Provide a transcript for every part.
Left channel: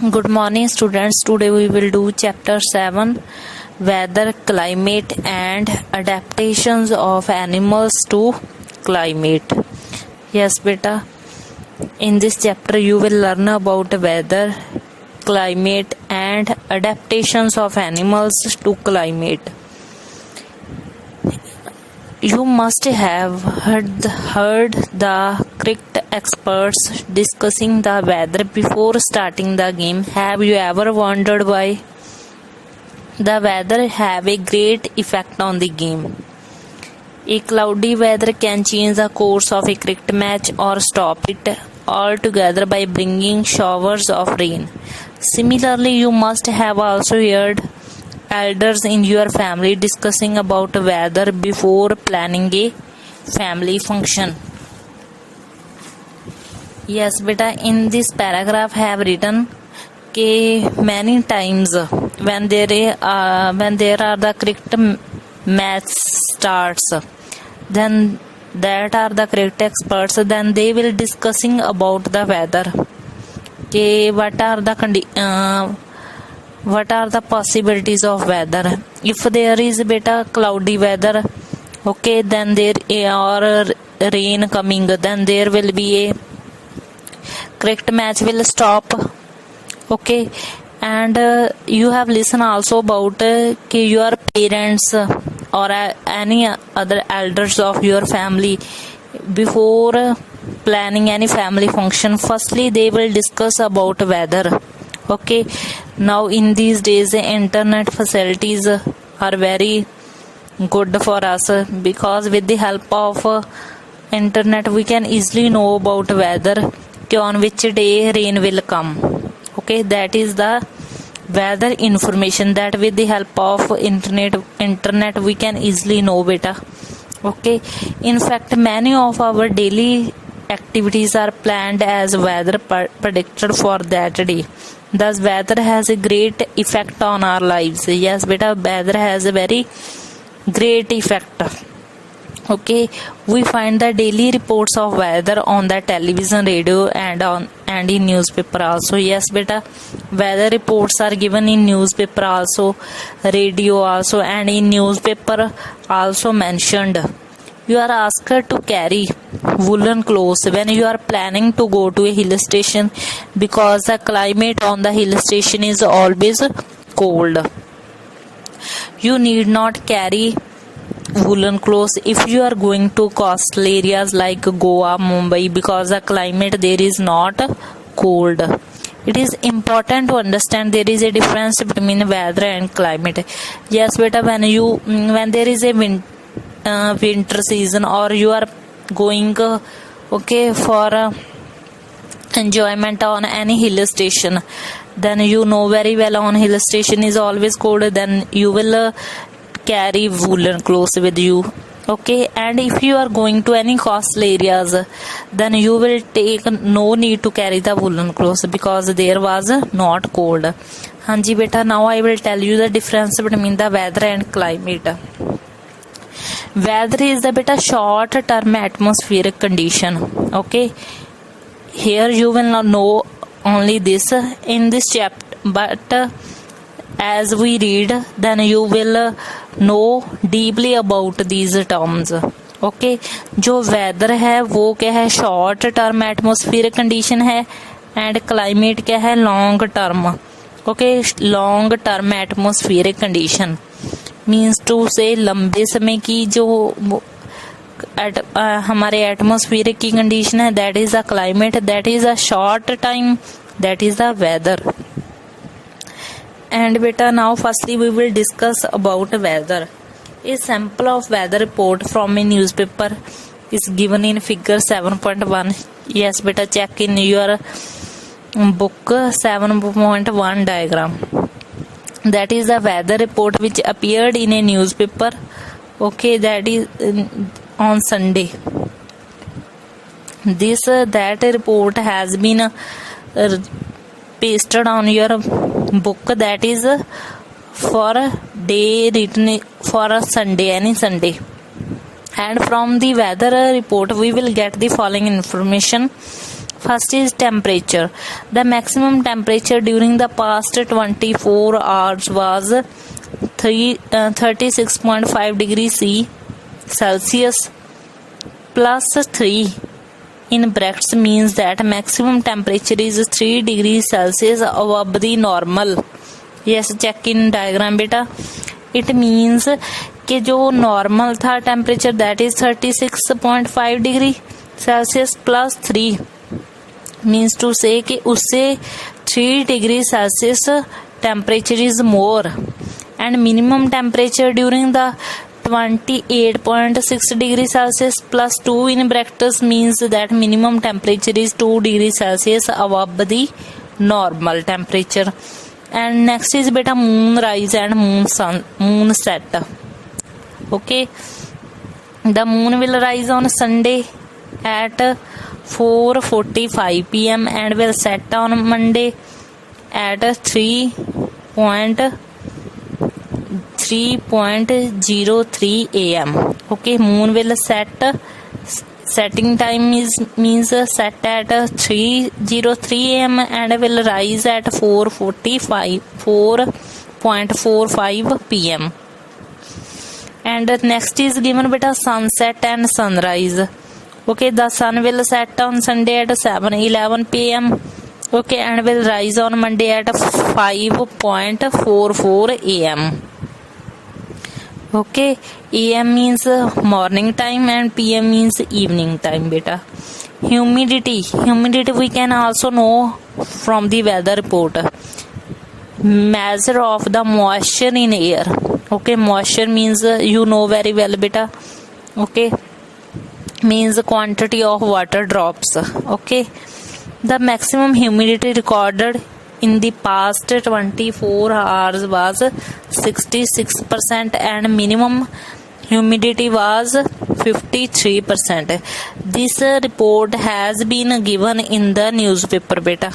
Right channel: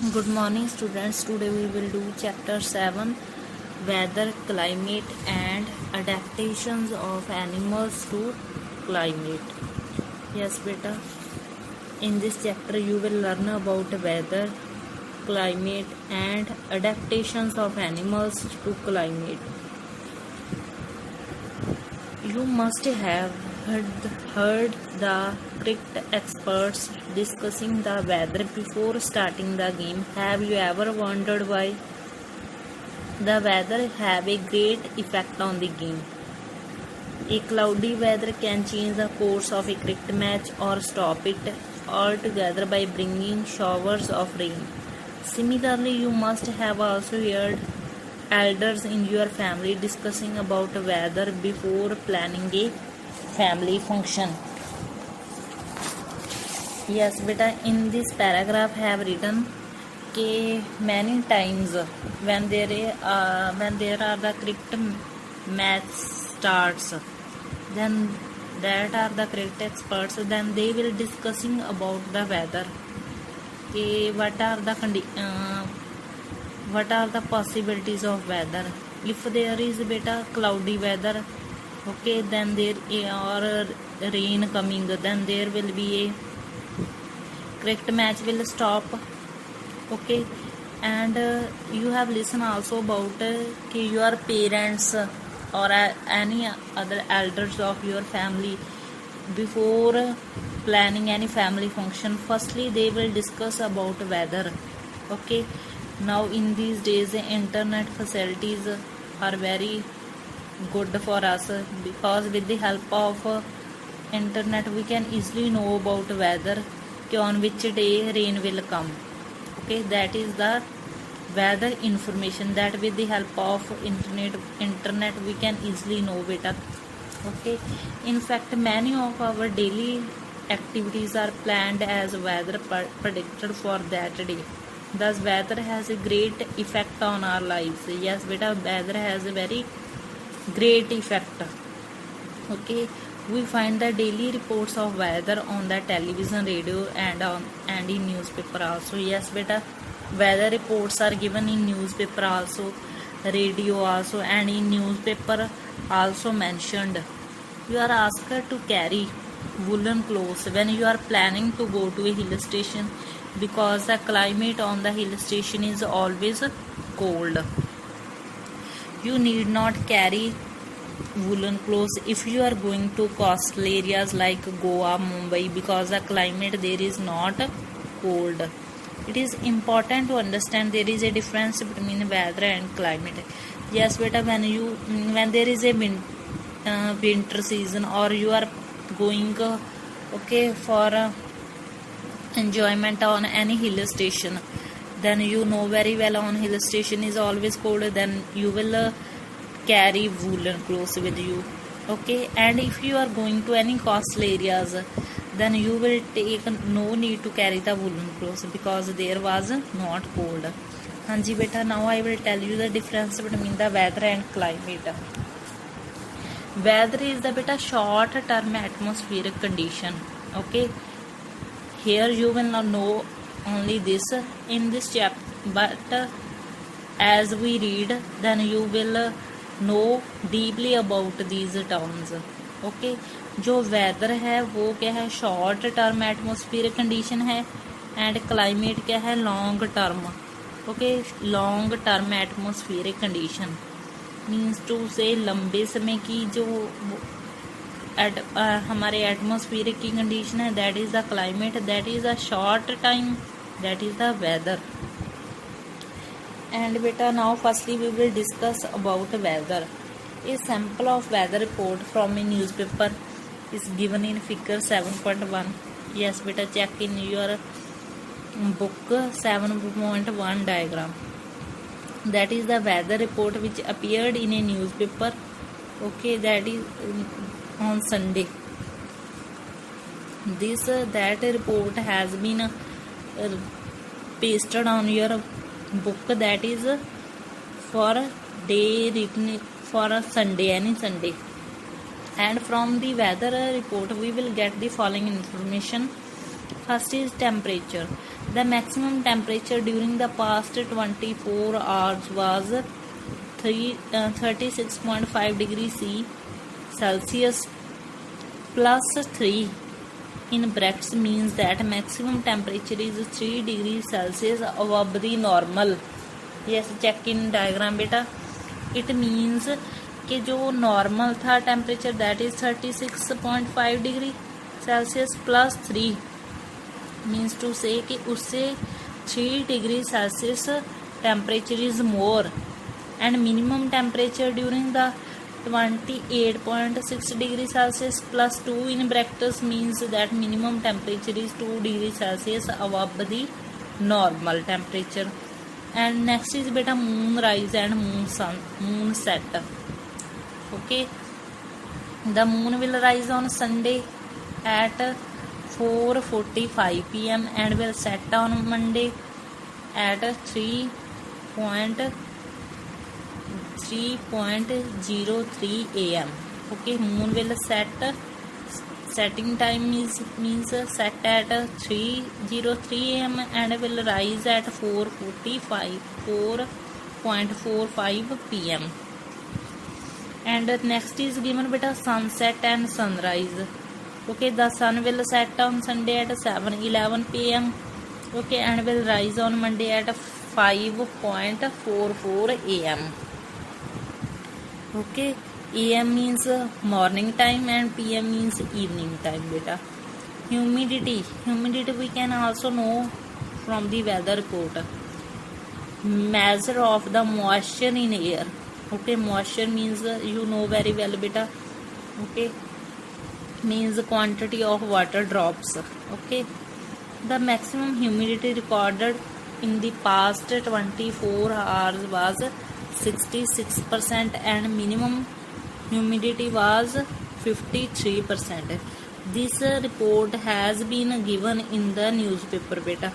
Good morning, students. Today we will do chapter 7, weather, climate, and adaptations of animals to climate. Yes, beta. In this chapter, you will learn about weather, climate, and adaptations of animals to climate. You must have heard the cricket experts discussing the weather before starting the game. Have you ever wondered why the weather have a great effect on the game? A cloudy weather can change the course of a cricket match or stop it altogether by bringing showers of rain. Similarly, you must have also heard elders in your family discussing about weather before planning a family function. Yes, beta, in this paragraph I have written many times when there are the cricket match starts, then that are the cricket experts, then they will discussing about the weather. What are the possibilities of weather? If there is beta cloudy weather, okay, then there or rain coming, then there will be a cricket match will stop, okay. And you have listened also about your parents or any other elders of your family before planning any family function, firstly they will discuss about weather, okay. Now in these days the internet facilities are very good for us, because with the help of internet we can easily know about weather, on which day rain will come, okay. That is the weather information that with the help of internet we can easily know, beta, okay. In fact, many of our daily activities are planned as weather predicted for that day. Thus weather has a great effect on our lives. Yes beta, weather has a very great effect, okay. We find the daily reports of weather on the television, radio, and in newspaper also. Yes beta, weather reports are given in newspaper also, radio also, and in newspaper also mentioned. You are asked to carry woolen clothes when you are planning to go to a hill station, because the climate on the hill station is always cold. You need not carry woolen clothes if you are going to coastal areas like Goa, Mumbai, because the climate there is not cold. It is important to understand there is a difference between weather and climate. Yes beta, when there is a winter season, or you are going okay for enjoyment on any hill station, then you know very well on hill station is always cold, then you will carry woolen clothes with you, okay. And if you are going to any coastal areas, then you will take no need to carry the woolen clothes, because there was not cold. Hanji beta, now I will tell you the difference between the weather and climate. Weather is the beta short term atmospheric condition, okay. Here you will not know only this in this chapter, but as we read, then you will know deeply about these terms, okay. जो weather है वो क्या है, short term atmosphere condition है, and climate क्या है, long term, okay, long term atmosphere condition means to say लंबे समय की जो हमारे एटमोस्फियर की कंडीशन है, that is the climate. That is a short time, that is the weather. And beta, now firstly we will discuss about weather. A sample of weather report from a newspaper is given in figure 7.1. Yes beta, check in your book 7.1 diagram. That is the weather report which appeared in a newspaper, okay, that is on Sunday. That report has been pasted on your book, that is for a day written for a Sunday, any Sunday. And from the weather report we will get the following information. First is temperature. The maximum temperature during the past 24 hours was 36.5 degrees Celsius plus 3 in brackets means that maximum temperature is 3 degrees Celsius above the normal. Yes, check in diagram beta. It means कि जो normal था temperature that is 36.5 degree Celsius plus 3 means to say कि उससे 3 degree Celsius temperature is more and minimum temperature during the 28.6 degree Celsius plus 2 in brackets means that minimum temperature is 2 degree Celsius above the normal temperature. And next is beta moon rise and moon set. Okay, the moon will rise on Sunday at 4:45 p.m. and will set on Monday at 3:03 a.m. Okay, moon will setting time means set at 3:03 a.m. and will rise at 4:45 p.m. And next is given beta sunset and sunrise. Okay, the sun will set on Sunday at 7:11 p.m. Okay, and will rise on Monday at 5:44 a.m. Okay, AM means morning time and PM means evening time beta. Humidity we can also know from the weather report. Measure of the moisture in air. Okay, moisture means you know very well beta. Okay, means quantity of water drops. Okay, the maximum humidity recorded in the past 24 hours was 66% and minimum humidity was 53%. This report has been given in the newspaper beta.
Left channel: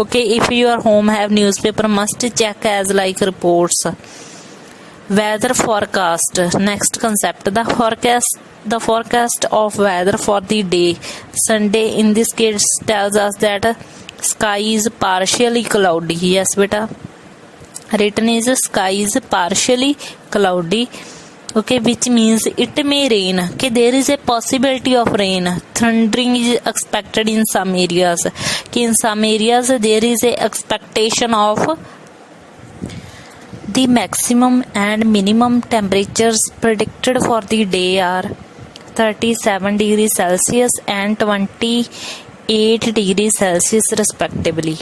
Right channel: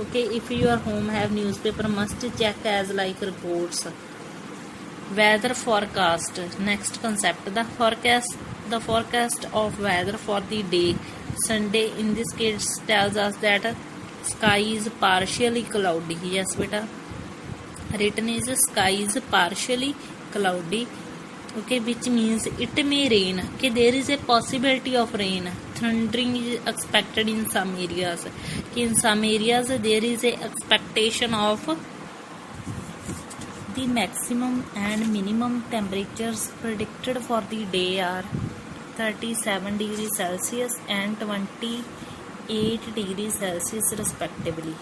Okay, if your home have newspaper, must check as like reports. Weather forecast. Next concept, the forecast of weather for the day Sunday in this case tells us that sky is partially cloudy. Yes beta, written is sky is partially cloudy. Okay, which means it may rain. Okay, there is a possibility of rain. Thundering is expected in some areas. Okay, in some areas there is a expectation of the maximum and minimum temperatures predicted for the day are 37 degrees Celsius and 28 degrees Celsius respectively.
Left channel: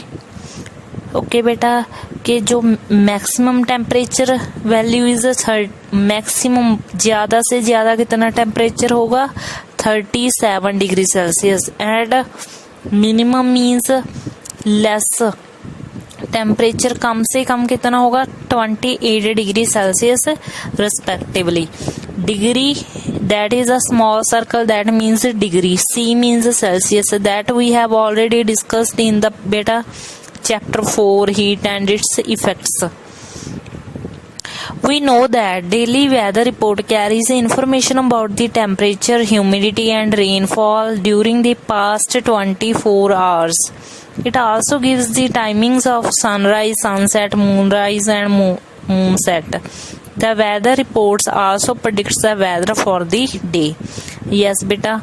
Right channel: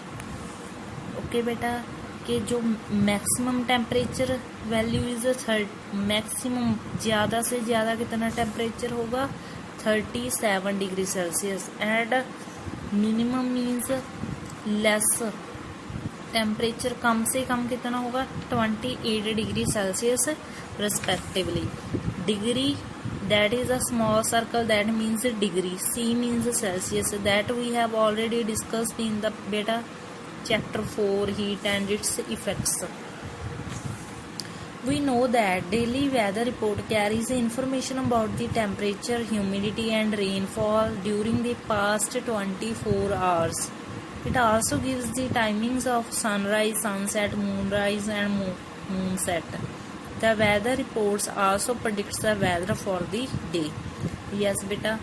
Okay बेटा कि जो maximum temperature value is maximum ज़्यादा से ज़्यादा कितना temperature होगा 37 degree Celsius and minimum means less temperature कम से कम कितना होगा 28 degree Celsius respectively. Degree that is a small circle that means degree. C means Celsius that we have already discussed in the beta chapter 4 heat and its effects. We know that daily weather report carries information about the temperature, humidity and rainfall during the past 24 hours. It also gives the timings of sunrise, sunset, moonrise and moonset. The weather reports also predicts the weather for the day. Yes beta,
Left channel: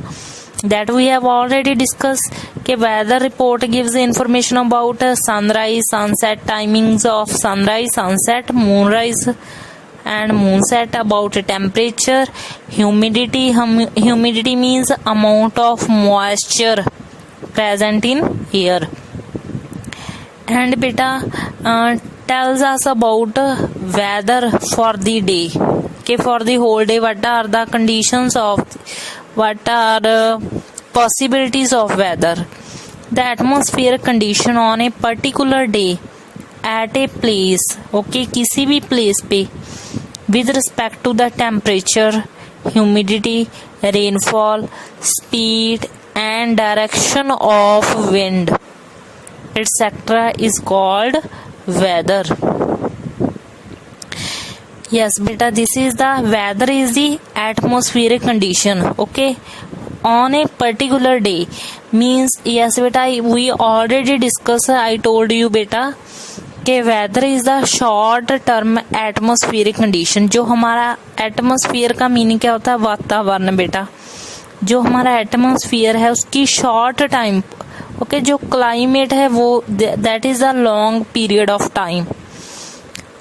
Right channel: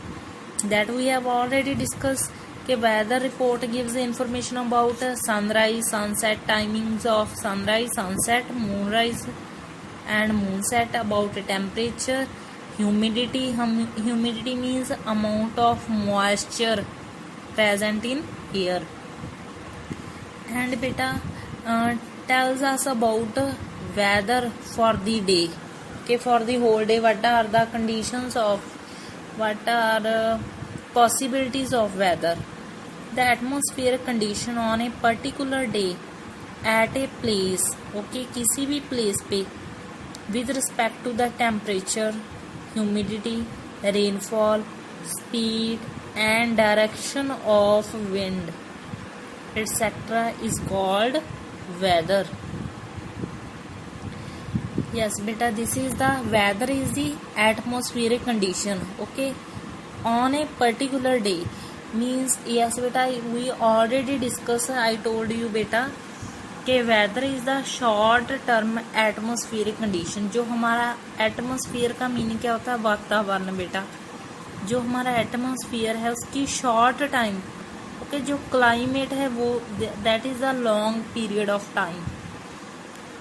that we have already discussed कि weather report gives information about sunrise, sunset, timings of sunrise, sunset, moonrise and moonset, about temperature, humidity. Humidity means amount of moisture present in air. And beta tells us about weather for the day. Okay, for the whole day what are the conditions of, what are possibilities of weather. The atmospheric condition on a particular day at a place. Okay, किसी भी place पे with respect to the temperature, humidity, rainfall, speed and direction of wind etc. is called weather. Yes beta, this is the weather is the atmospheric condition. Okay, on a particular day means yes बेटा we already discuss, I told you बेटा कि weather is the short term atmospheric condition. जो हमारा atmosphere का meaning क्या होता है? वातावरण बेटा। जो हमारा एटमोस्फियर है उसकी शॉर्ट टाइम, ओके, जो क्लाइमेट है वो that is a long period of time,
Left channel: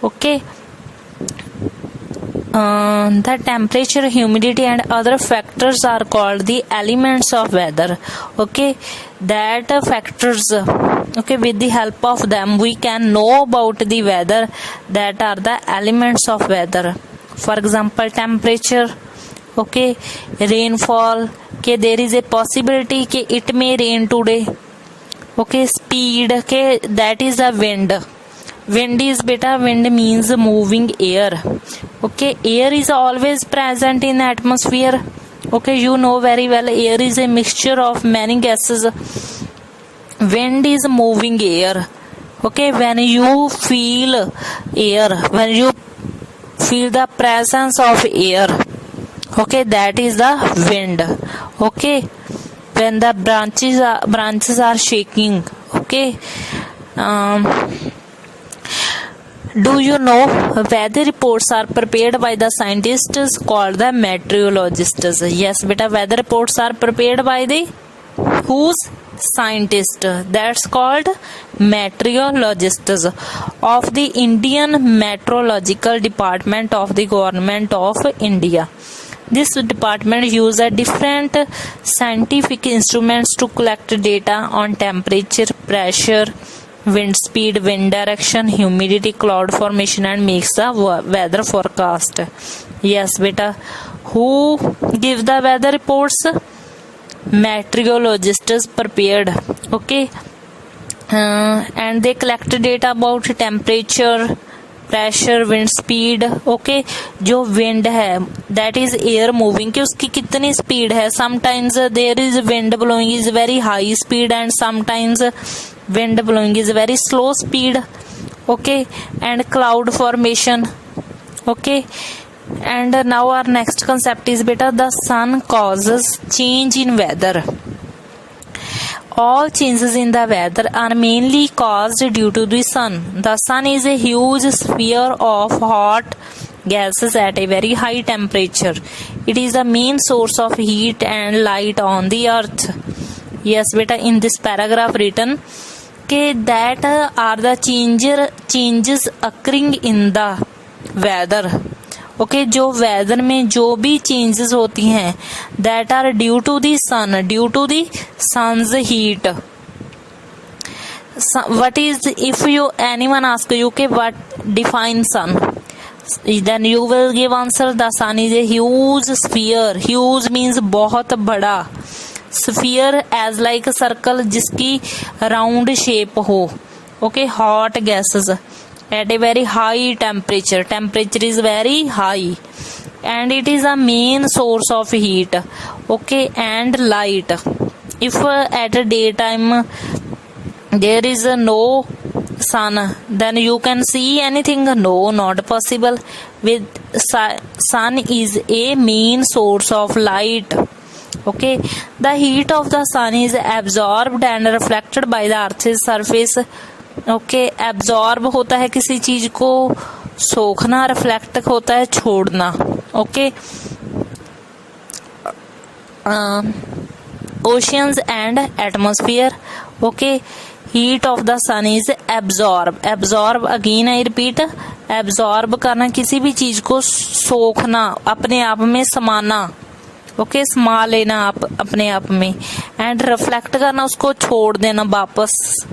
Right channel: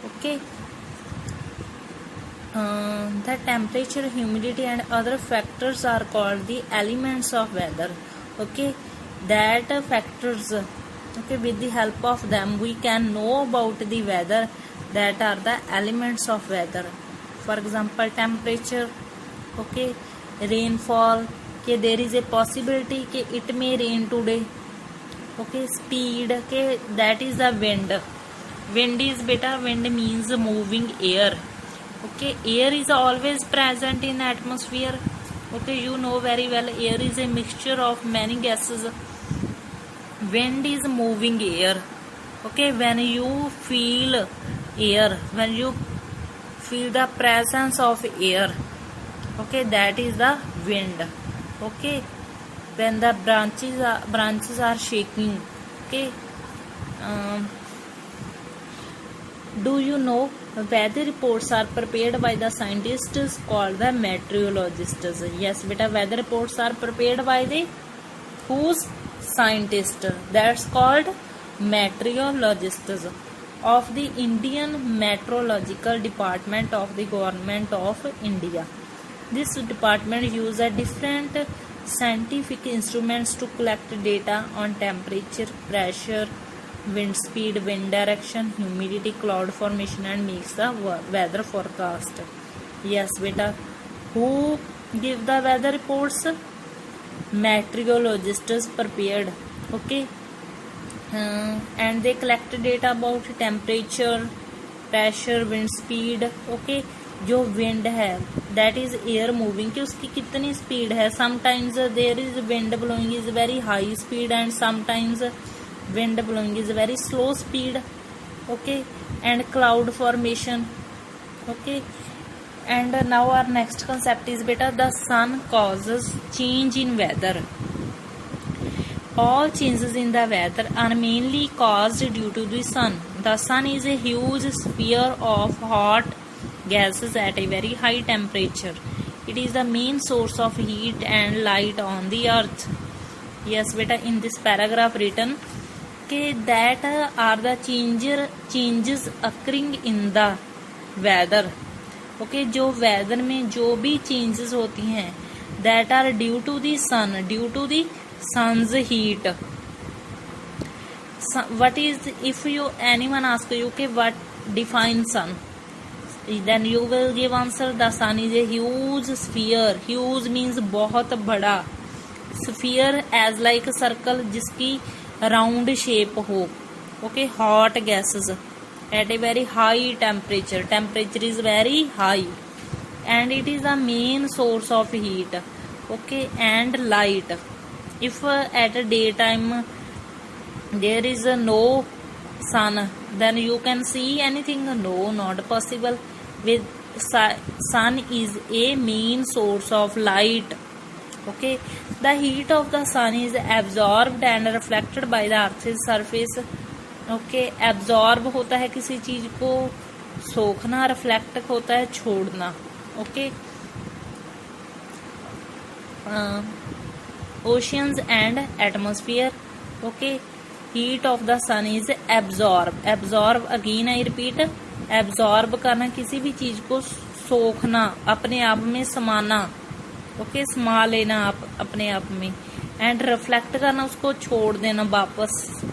okay. The temperature, humidity and other factors are called the elements of weather, okay. That factors, okay, with the help of them we can know about the weather. That are the elements of weather. For example, temperature, okay, rainfall, okay, there is a possibility कि it may rain today, okay. Speed, okay, that is a wind. Wind is beta, wind means moving air, okay. Air is always present in the atmosphere, okay. You know very well air is a mixture of many gases. Wind is moving air, okay. When you feel air, when you feel the presence of air, okay, that is the wind, okay. When the branches are shaking, okay. Do you know weather reports are prepared by the scientists called the meteorologists? Yes beta, weather reports are prepared by the whose? Scientist. That's called meteorologists of the Indian Meteorological Department of the Government of India. This department uses different scientific instruments to collect data on temperature, pressure, wind speed, wind direction, humidity, cloud formation and makes the weather forecast. Yes beta, who give the weather reports? Meteorologists prepared, okay. And they collect data about temperature, pressure, wind speed, okay. जो wind है that is air moving, कि उसकी कितनी speed है. Sometimes there is wind blowing is very high speed and sometimes wind blowing is very slow speed, okay. And cloud formation, okay. And now our next concept is beta, the sun causes change in weather. All changes in the weather are mainly caused due to the sun. The sun is a huge sphere of hot gases at a very high temperature. It is the main source of heat and light on the earth. Yes beta, in this paragraph written that are the changes occurring in the weather, okay. जो weather में जो भी changes होती हैं that are due to the sun, due to the sun's heat. What is, if you anyone ask you okay what define sun, then you will give answer the sun is a huge sphere. Huge means बहुत बड़ा, sphere as like a circle जिसकी round shape हो, okay. Hot gases at a very high temperature, temperature is very high and it is a main source of heat, okay, and light. If at a daytime there is no sun, then you can see anything? No, not possible. With sun is a main source of light, okay. The heat of the sun is absorbed and reflected by the earth's surface, okay. Absorb होता है किसी चीज को, सोखना, reflect होता है छोड़ना, okay. Oceans and atmosphere, okay. Heat of the sun is absorb. Absorb again I repeat, absorb करना, किसी भी चीज को सोखना, अपने आप में समाना, ओके, समा लेना आप अपने आप में. एंड रिफ्लेक्ट करना, उसको छोड़ देना वापस,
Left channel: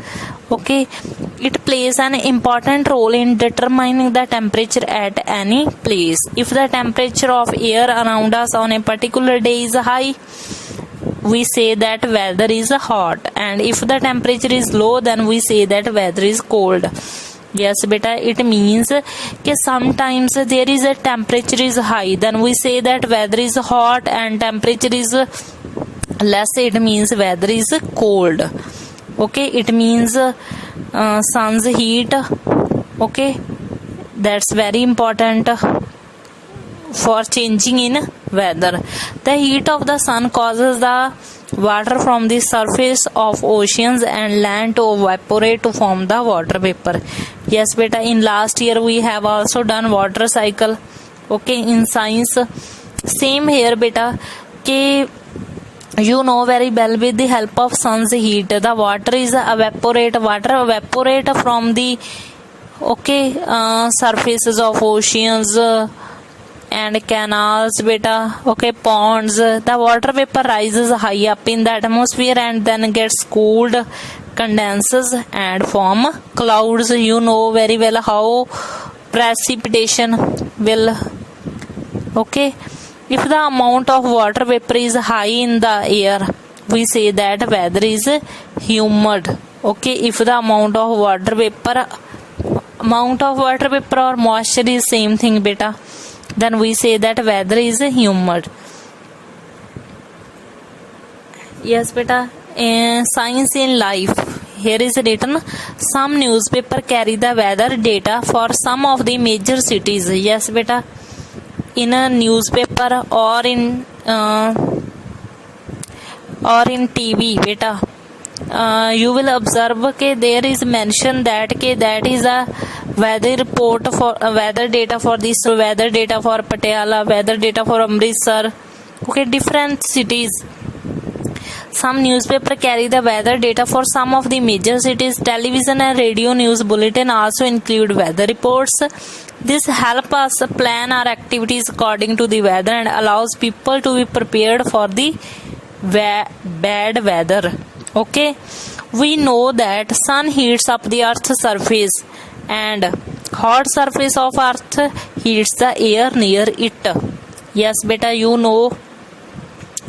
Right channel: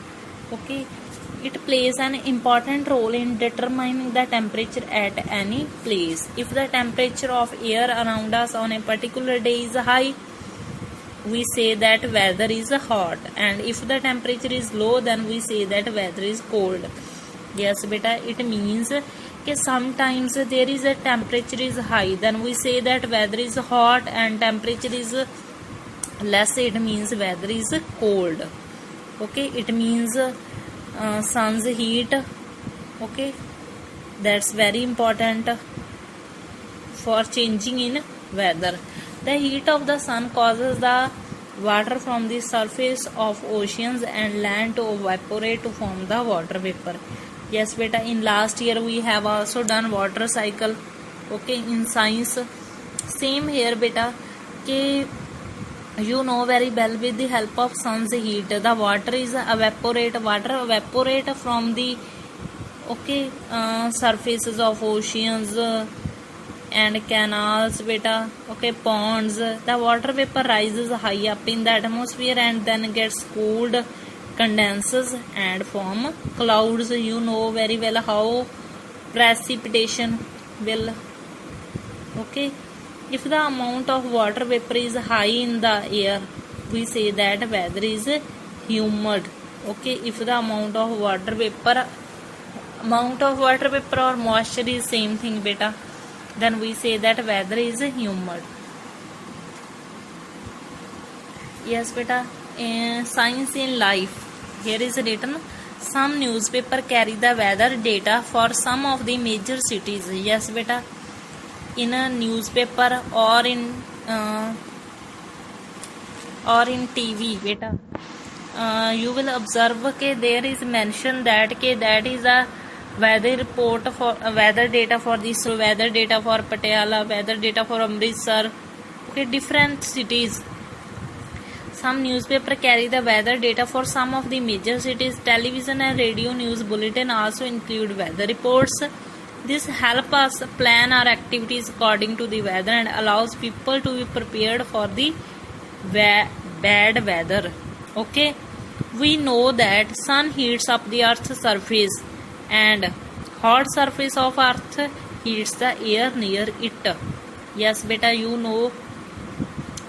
okay. It plays an important role in determining the temperature at any place. If the temperature of air around us on a particular day is high, we say that weather is hot, and if the temperature is low, then we say that weather is cold. Yes beta, it means कि sometimes there is a temperature is high, then we say that weather is hot, and temperature is less, it means weather is cold, okay. It means sun's heat, okay, that's very important for changing in weather. The heat of the sun causes the water from the surface of oceans and land to evaporate to form the water vapor. Yes beta, in last year we have also done water cycle, okay, in science. Same here beta, कि you know very well, with the help of sun's heat the water evaporate from the, okay, surfaces of oceans and canals beta, okay, ponds. The water vapor rises high up in the atmosphere and then gets cooled, condenses and form clouds. You know very well how precipitation will, okay, if the amount of water vapor is high in the air, we say that weather is humid. Okay, if the amount of water vapor or moisture is same thing beta, then we say that weather is humid. Yes beta, science in life. Here is written, some newspaper carry the weather data for some of the major cities. Yes beta, in a newspaper or in TV beta, you will observe that there is mention that that is a weather report for weather data for this, weather data for Patiala, weather data for Amritsar, okay, different cities. Some newspaper carry the weather data for some of the major cities. Television and radio news bulletin also include weather reports. This help us plan our activities according to the weather and allows people to be prepared for the bad weather. Okay, we know that sun heats up the earth's surface and hot surface of earth heats the air near it. Yes beta, you know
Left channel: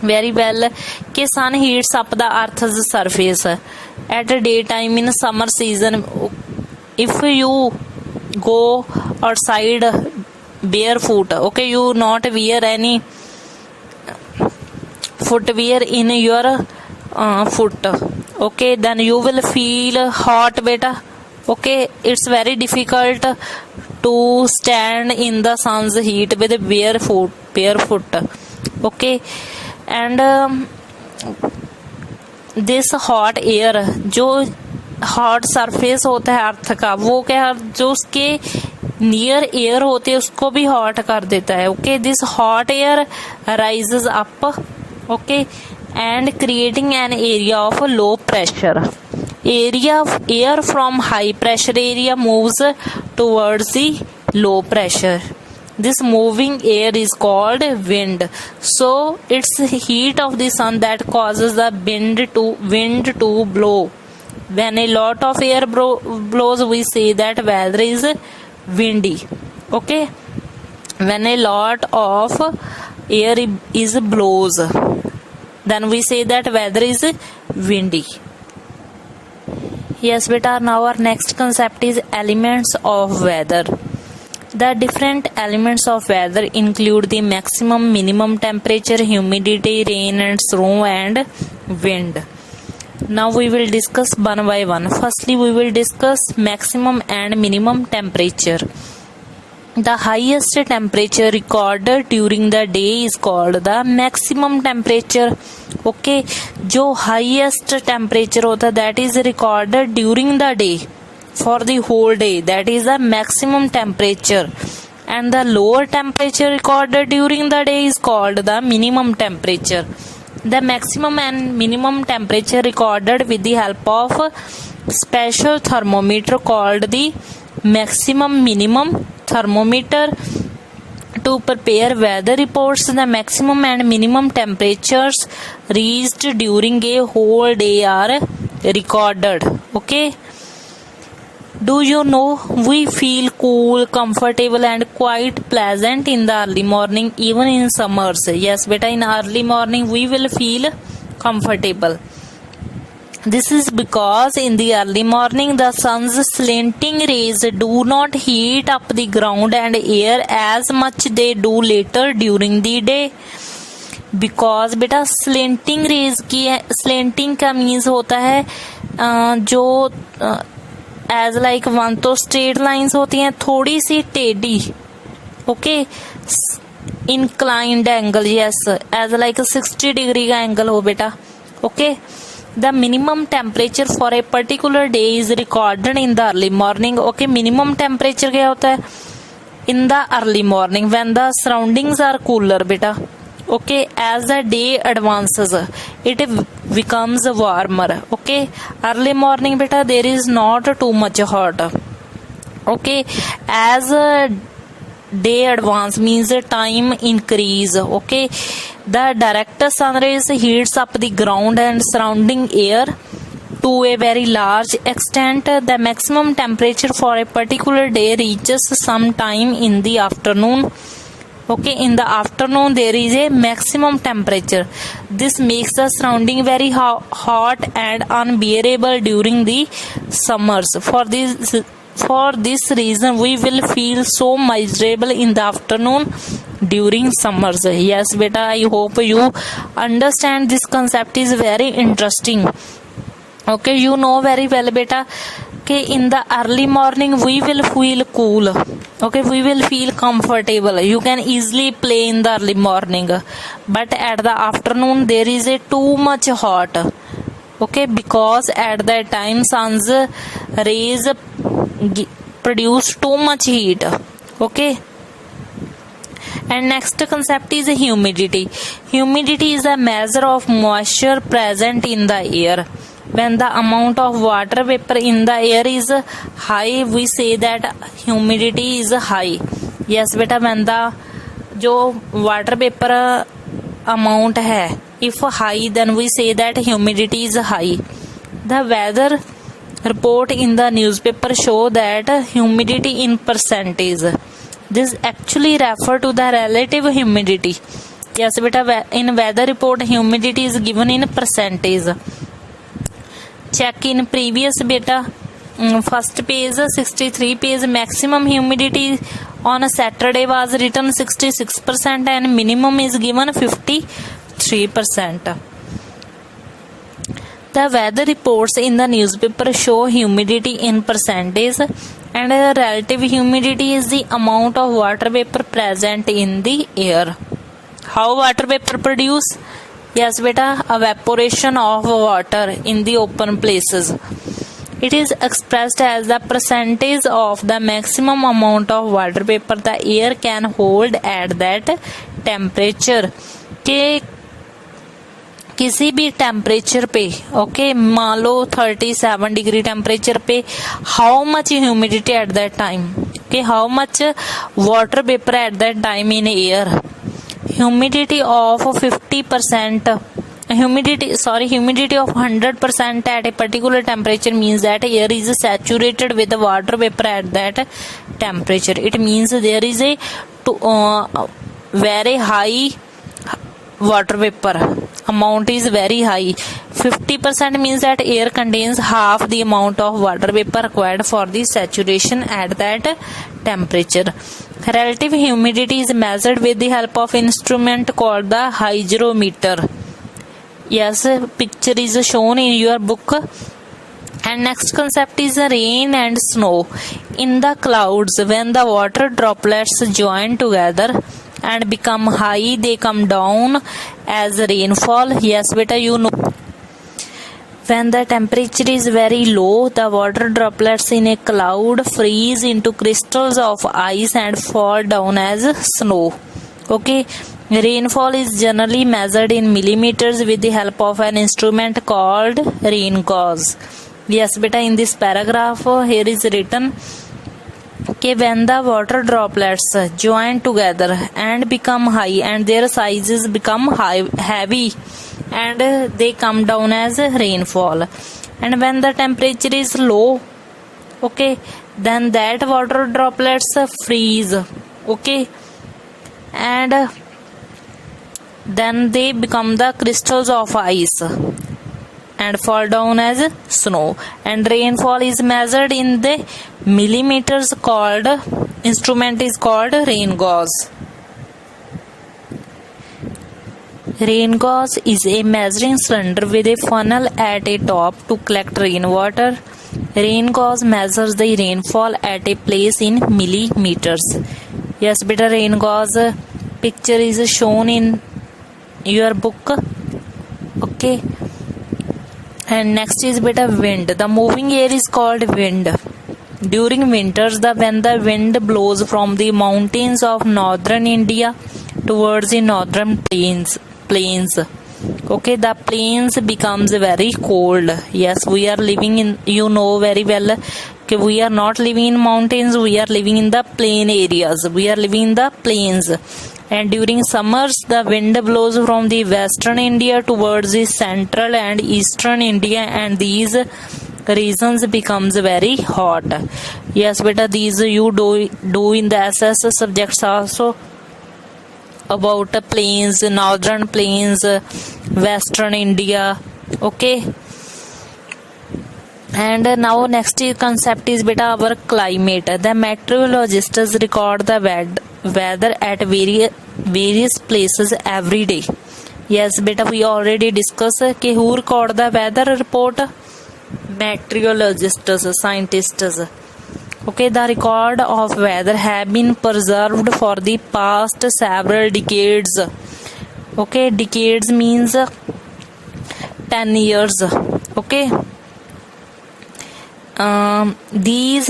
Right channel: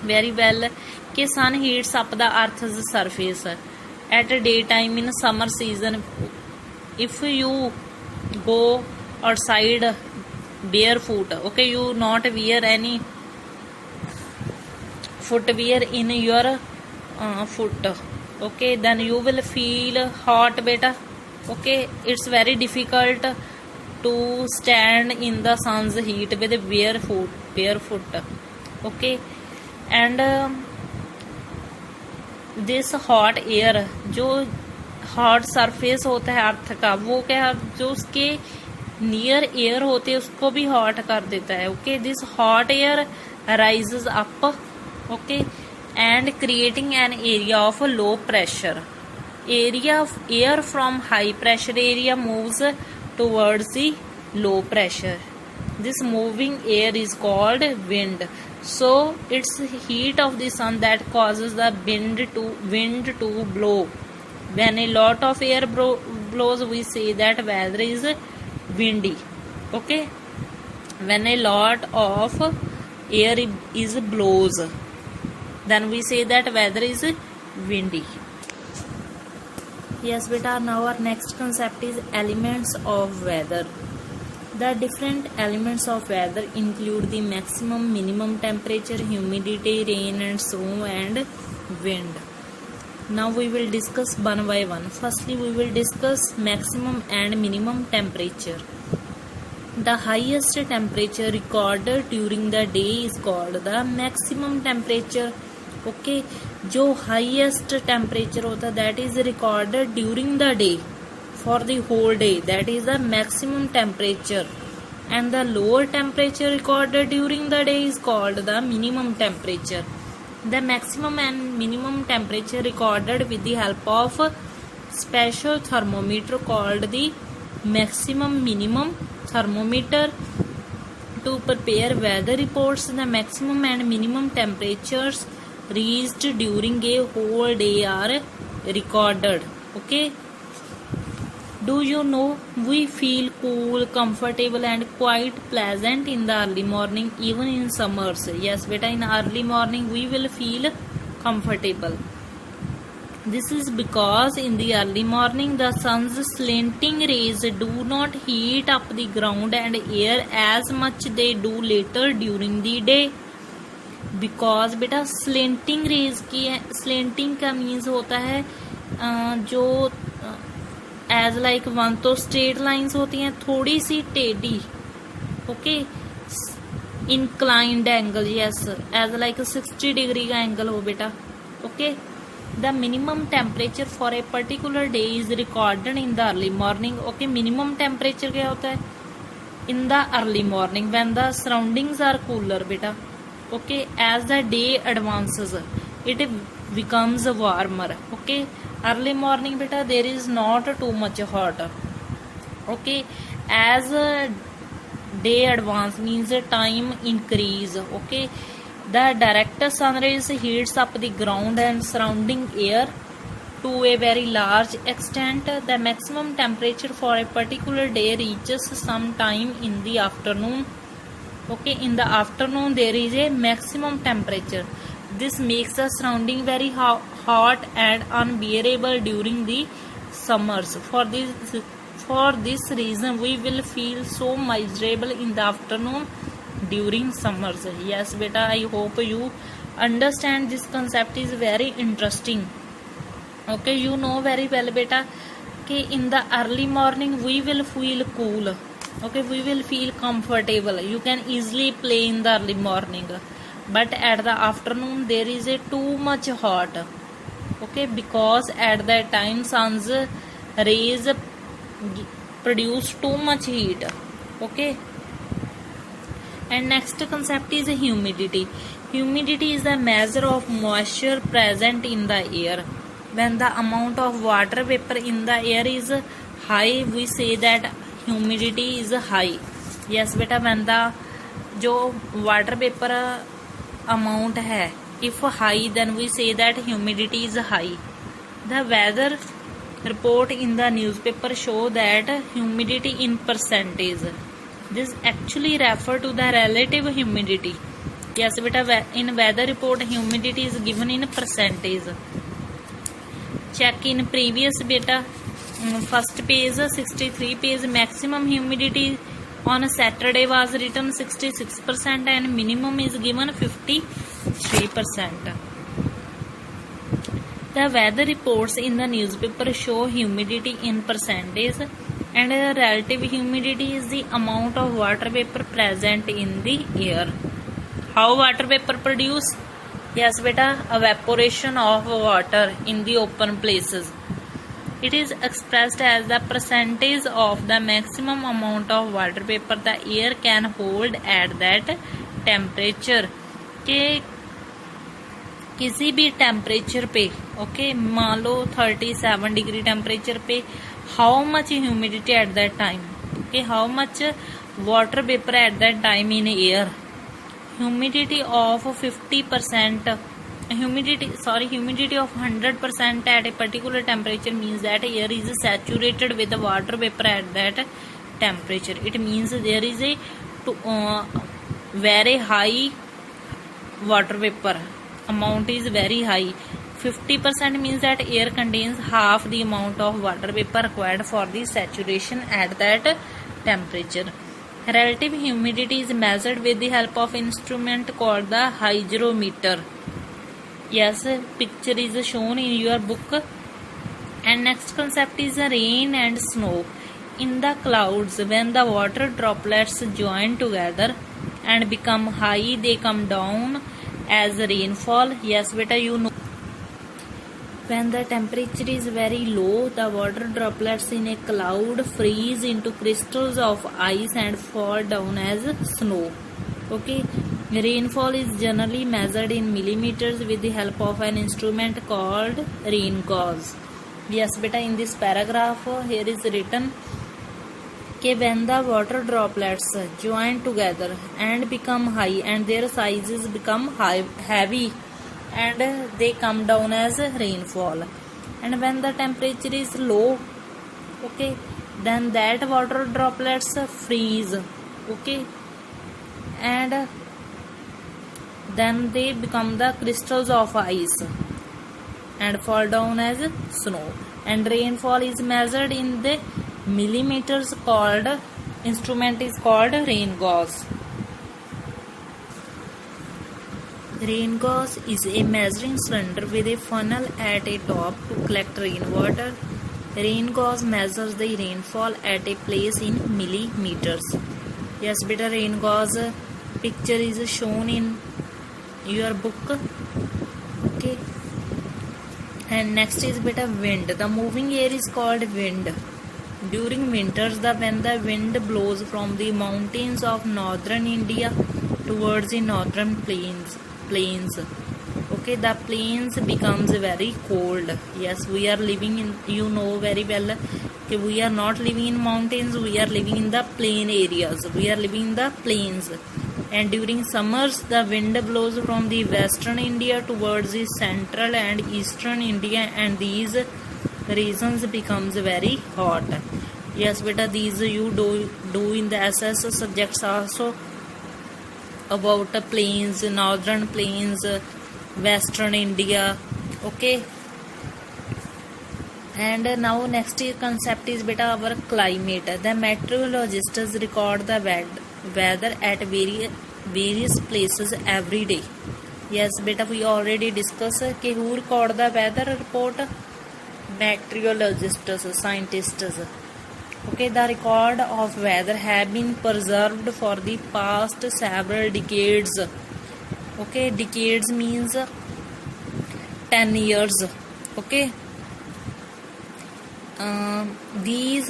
very well कि sun heats up the earth's surface at daytime in summer season. If you go outside barefoot, okay, you not wear any footwear in your foot, okay, then you will feel hot beta. Okay, it's very difficult to stand in the sun's heat with barefoot. Okay, and this hot air, जो hot surface होता है अर्थ का, वो क्या, जो उसके near air होते हैं उसको भी हॉट कर देता है. Okay, this hot air rises up, okay, and creating an area of low pressure. Air from high pressure area moves towards the low pressure. This moving air is called wind. So it's heat of the sun that causes the wind to blow. When a lot of air blows, we say that weather is windy. Okay, when a lot of air is blows, then we say that weather is windy. Yes beta, now our next concept is elements of weather. The different elements of weather include the maximum, minimum temperature, humidity, rain and snow and wind. Now we will discuss one by one. Firstly, we will discuss maximum and minimum temperature. The highest temperature recorded during the day is called the maximum temperature. Okay, जो highest temperature होता है that is recorded during the day for the whole day, that is the maximum temperature, and the lower temperature recorded during the day is called the minimum temperature. The maximum and minimum temperature recorded with the help of special thermometer called the maximum minimum thermometer. To prepare weather reports, the maximum and minimum temperatures reached during a whole day are recorded. Okay, do you know we feel cool, comfortable and quite pleasant in the early morning, even in summers? Yes beta, in early morning we will feel comfortable. This is because in the early morning the sun's slanting rays do not heat up the ground and air as much they do later during the day. Because बेटा slanting rays की, slanting का means होता है जो as like one तो straight lines होती हैं, थोड़ी सी टेढ़ी, okay, inclined angle, yes, as like 60 degree का angle हो बेटा, Okay, the minimum temperature for a particular day is recorded in the early morning. Okay, minimum temperature क्या होता है? In the early morning when the surroundings are cooler beta. Okay, as the day advances it becomes warmer. Okay, early morning beta there is not too much hot. Okay, as day advance means time increase. Okay, the direct sun rays heats up the ground and surrounding air to a very large extent. The maximum temperature for a particular day reaches sometime in the afternoon. Okay, in the afternoon there is a maximum temperature. This makes the surrounding very hot and unbearable during the summers. For this reason we will feel so miserable in the afternoon during summers. Yes beta, I hope you understand this concept is very interesting. Okay, you know very well beta, okay, in the early morning we will feel cool. Okay, we will feel comfortable, you can easily play in the early morning, but at the afternoon there is a too much hot. Okay, because at that time sun's rays produce too much heat. Okay, and next concept is humidity. Humidity is a measure of moisture present in the air. When the amount of water vapor in the air is high we say that humidity is high. Yes beta, when the जो water vapor amount है if high then we say that humidity is high. The weather report in the newspaper show that humidity in percentage. This actually refer to the relative humidity. Yes beta, in weather report humidity is given in percentage. Check in previous beta, first page 63 page, maximum humidity on a Saturday was written 66% and minimum is given 53%. The weather reports in the newspaper show humidity in percentage, and relative humidity is the amount of water vapor present in the air. How water vapor produce? Yes beta, evaporation of water in the open places. It is expressed as the percentage of the maximum amount of water vapor the air can hold at that temperature. के किसी भी temperature पे, okay, मान लो 37 degree temperature पे, how much humidity at that time, okay, how much water vapour at that time in air. Humidity of 50%, humidity of 100% at a particular temperature means that air is saturated with the water vapor at that temperature. It means there is a very high water vapor amount is very high. 50% means that air contains half the amount of water vapor required for the saturation at that temperature. Relative humidity is measured with the help of instrument called the hygrometer. Yes, picture is shown in your book. And next concept is rain and snow. In the clouds, when the water droplets join together and become high, they come down as rainfall. Yes beta, you know. When the temperature is very low, the water droplets in a cloud freeze into crystals of ice and fall down as snow. Okay, rainfall is generally measured in millimeters with the help of an instrument called rain gauge. Yes beta, in this paragraph here is written कि when the water droplets join together and become high and their sizes become heavy and they come down as rainfall, and when the temperature is low, okay, then that water droplets freeze, okay, and then they become the crystals of ice and fall down as snow, and rainfall is measured in the millimeters. Called instrument is called rain gauge. Rain gauge is a measuring cylinder with a funnel at a top to collect rainwater. Rain gauge measures the rainfall at a place in millimeters. Yes beta, rain gauge picture is shown in your book. Okay, And next is beta wind. The moving air is called wind. During winters, when the wind blows from the mountains of northern India towards the northern plains, okay, the plains becomes very cold. Yes, we are living in, you know very well, okay, we are not living in mountains, we are living in the plain areas, we are living in the plains. And during summers, the wind blows from the western India towards the central and eastern India, and these regions becomes very hot. Yes beta, these you do in the SS subjects also, about plains, northern plains, western India, okay. And now next concept is beta our climate. The meteorologists record the weather at various places every day. Yes beta, we already discussed कि who record the weather report? Meteorologists, scientists. Okay, the record of weather have been preserved for the past several decades. Okay, decades means 10 years. Okay, these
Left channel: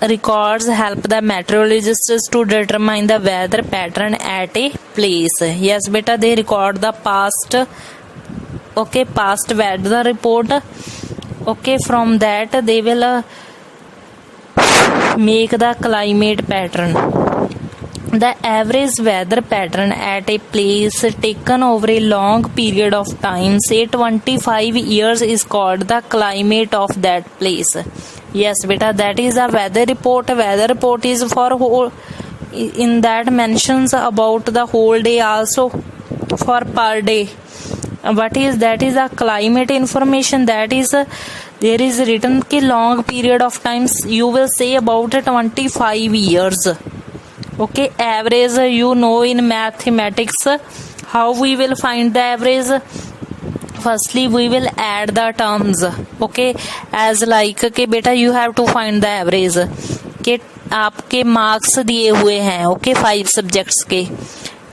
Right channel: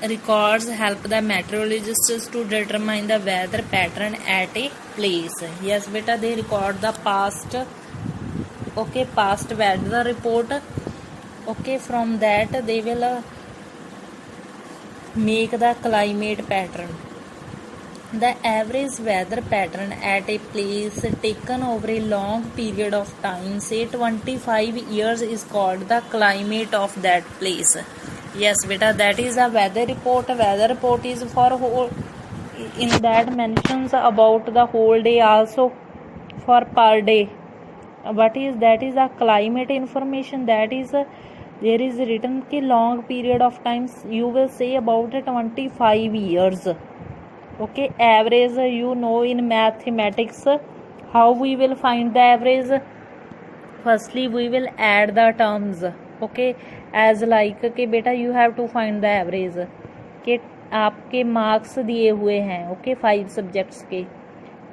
records help the meteorologists to determine the weather pattern at a place. Yes beta, they record the past, okay, past weather report. Okay, from that they will make the climate pattern. The average weather pattern at a place taken over a long period of time, say 25 years, is called the climate of that place. Yes beta, that is a weather report. Weather report is for whole, in that mentions about the whole day, also for per day. What is that? Is a climate information, that is there is written कि long period of times, you will say about 25 years. Okay, average, you know in mathematics how we will find the average. Firstly we will add the terms, okay, as like कि बेटा you have to find the average कि आपके marks दिए हुए हैं, okay, 5 subjects के।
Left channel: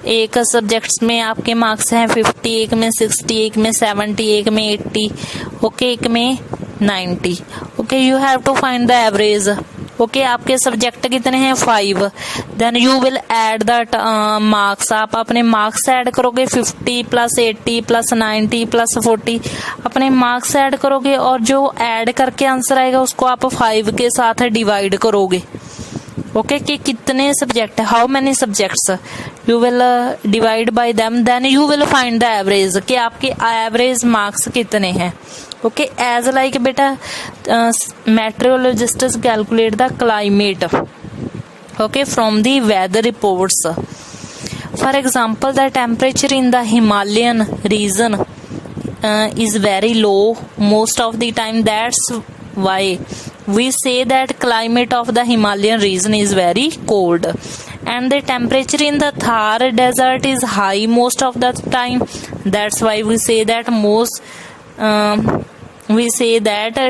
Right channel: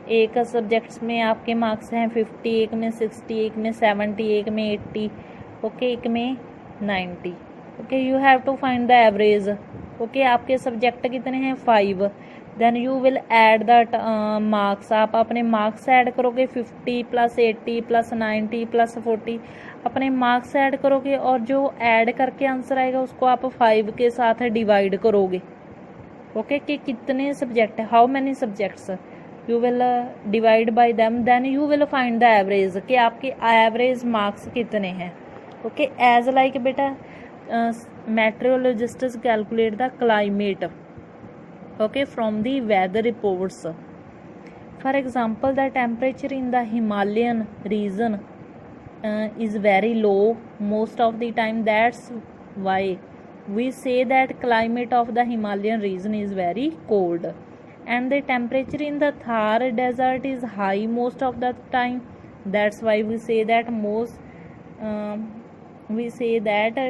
एक subjects में आपके मार्क्स हैं 50, एक में 60, एक में 70, एक में 80, ओके, एक में 90। Okay, you have to find the average. Okay, आपके सब्जेक्ट कितने हैं? 5। Then you will add the marks. आप अपने मार्क्स ऐड करोगे 50 प्लस 80 प्लस 90 प्लस 40, अपने मार्क्स ऐड करोगे और जो ऐड करके आंसर आएगा उसको आप 5 के साथ डिवाइड करोगे। ओके, कि कितने सब्जेक्ट है, how many subjects, you will divide by them, then you will find the average कि आपके एवरेज मार्क्स कितने हैं। ओके, एज लाइक बेटा meteorologists calculate the climate, okay, from the weather reports. For example, the temperature in the Himalayan region is very low most of the time. That's why we say that climate of the Himalayan region is very cold, and the temperature in the Thar desert is high most of the time. That's why we say that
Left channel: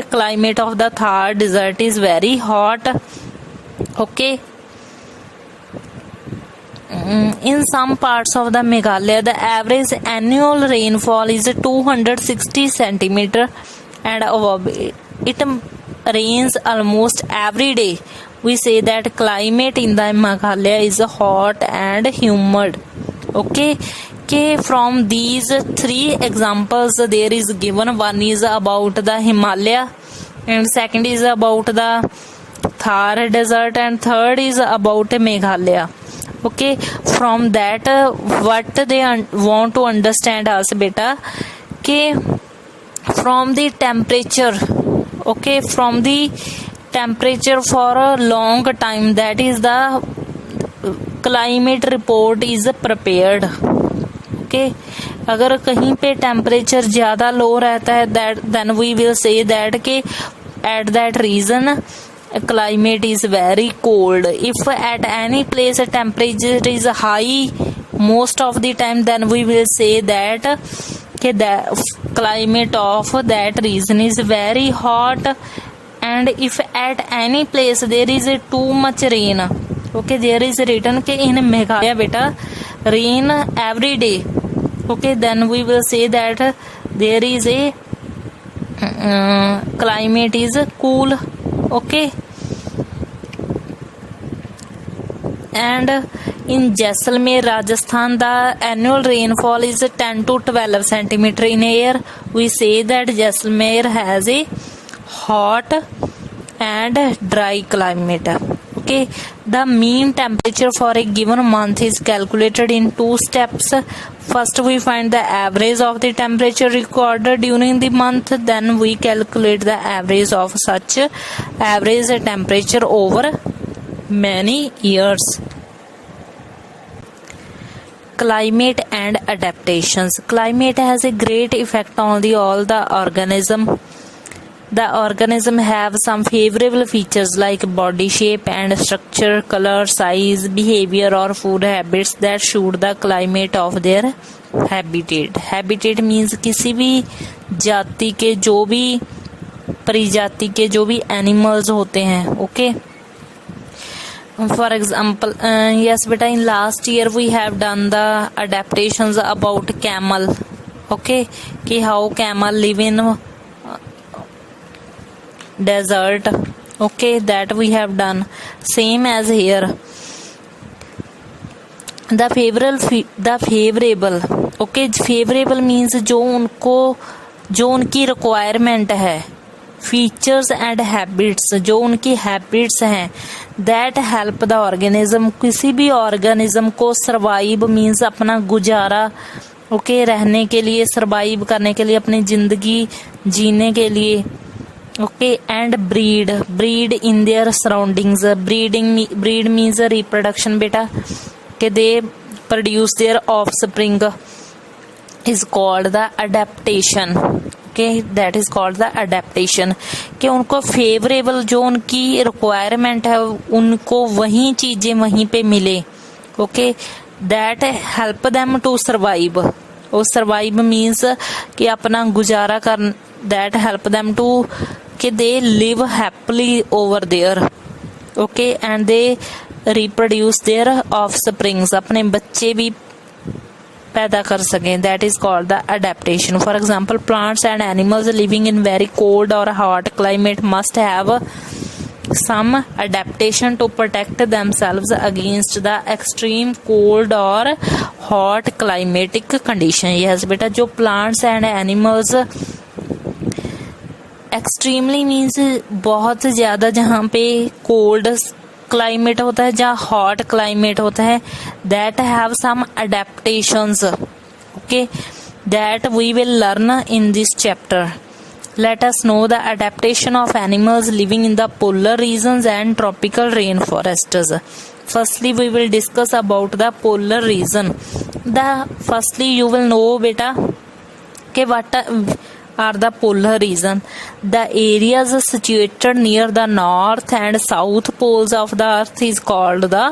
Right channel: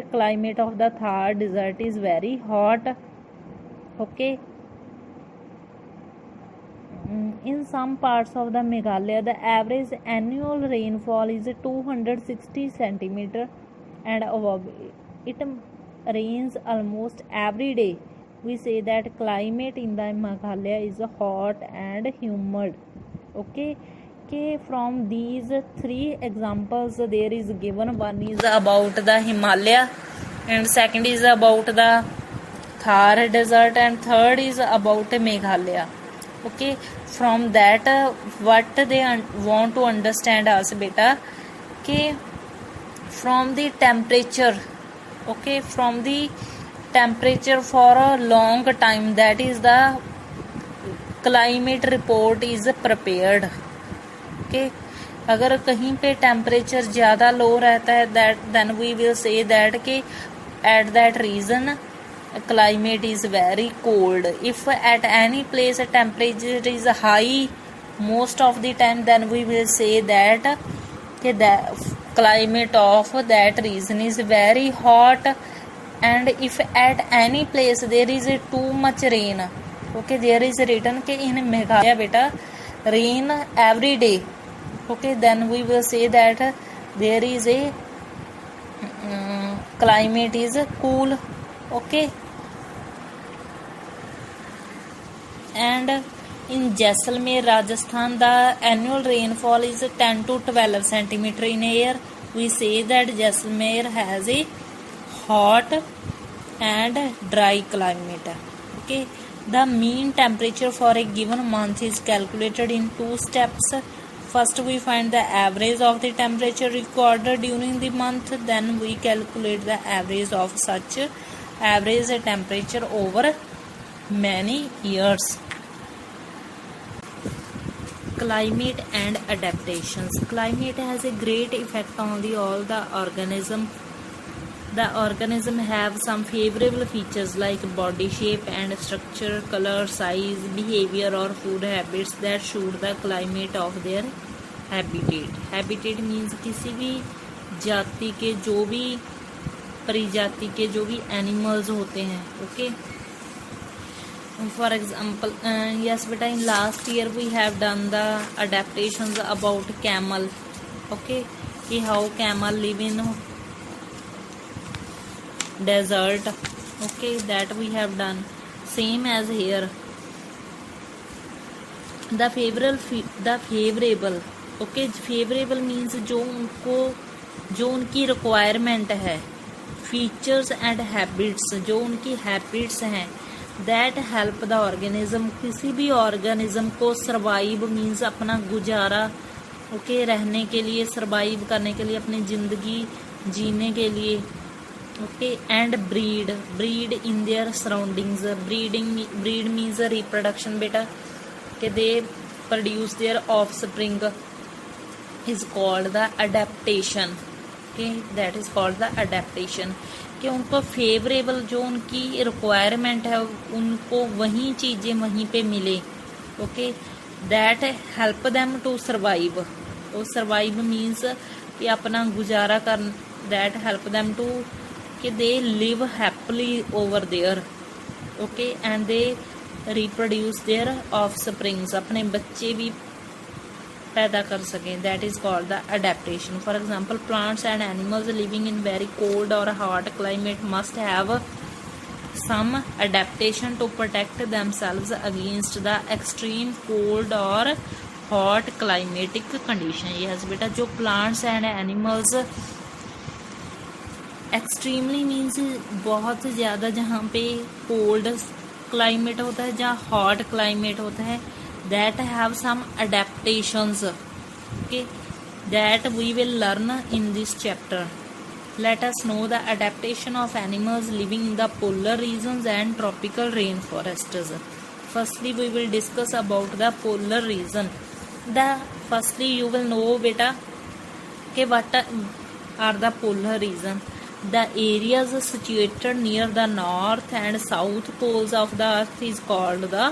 climate of the Thar desert is very hot. Okay, in some parts of the Meghalaya, the average annual rainfall is 260 centimeter and above. It rains almost every day. We say that climate in the Meghalaya is hot and humid. Okay, from these 3 examples there is given. One is about the Himalaya, and second is about the Thar desert, and third is about Meghalaya. Okay, from that what they want to understand us beta, okay, from the temperature, okay, from the temperature for a long time, that is the climate report is prepared. Okay, अगर कहीं पे temperature ज़्यादा लो रहता है, that then we will say that कि at that region climate is very cold. If at any place a temperature is high most of the time, then we will say that the climate of that region is very hot. And if at any place there is too much rain, okay, there is written कि in Meghalaya beta rain every day, okay, then we will say that there is a climate is cool. Okay, and in Jaisalmer, Rajasthan, the annual rainfall is 10 to 12 centimeter in a year. We say that Jaisalmer has a hot and dry climate. Okay, the mean temperature for a given month is calculated in two steps. First, we find the average of the temperature recorded during the month, then we calculate the average of such average temperature over many years. Climate and adaptations. Climate has a great effect on all the organism. The organism have some favorable features like body shape and structure, color, size, behavior or food habits that suit the climate of their habitat. Habitat means किसी भी जाति के जो भी प्रजाति के जो भी एनिमल्स होते हैं. Okay, for example, yes beta, in last year we have done the adaptations about camel. Okay, कि how camel live in desert. Okay, that we have done. Same as here. The favorable. Okay, favorable means जो उनकी requirement है, features and habits, जो उनकी habits हैं, that help the organism. किसी भी organism को survive means अपना गुजारा, okay, रहने के लिए, survive करने के लिए, अपनी जिंदगी जीने के लिए. Okay, and breed in their surroundings. Breed means reproduction beta. Okay, they produce their offspring is called the adaptation. Okay, that is called the adaptation. कि उनको favorable जो उनकी requirement है उनको वही चीजें वहीं पे मिले. Okay, that help them to survive. और survive means कि अपना गुजारा कर, that help them to कि they live happily over there. Okay, and they reproduce their offsprings, अपने बच्चे भी पैदा कर सकें. That is called the adaptation. For example, plants and animals living in very cold or hot climate must have some adaptation to protect themselves against the extreme cold or hot climatic condition. Yes बेटा, जो plants and animals extremely means बहुत ज़्यादा जहाँ पे cold climate होता है, जहाँ hot climate होता है, that have some adaptations. Okay, that we will learn in this chapter. Let us know the adaptation of animals living in the polar regions and tropical rain forests. Firstly we will discuss about the polar region. Firstly you will know बेटा कि what are the polar region. The areas situated near the north and south poles of the earth is called the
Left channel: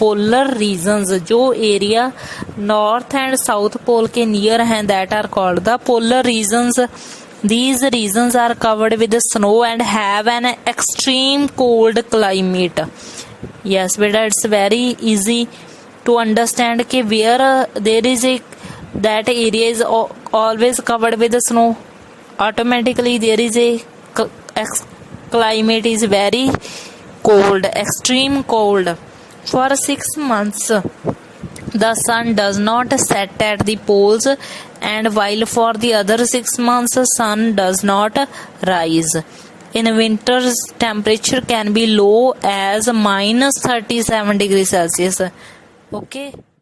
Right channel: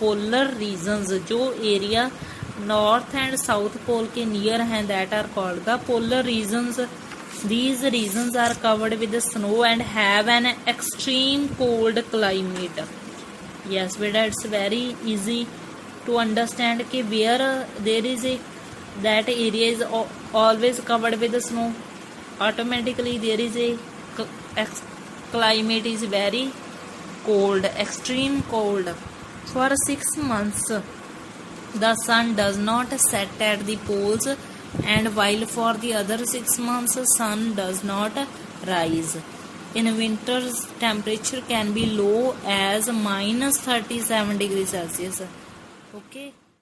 polar regions. जो area north and south pole के near हैं, that are called the polar regions. These regions are covered with snow and have an extreme cold climate. Yes beta, it's very easy to understand कि where there is a that area is always covered with snow, automatically there is a climate is very cold, extreme cold. For 6 months the sun does not set at the poles, and while for the other 6 months sun does not rise. In winters temperature can be low as -37 degrees Celsius. Okay.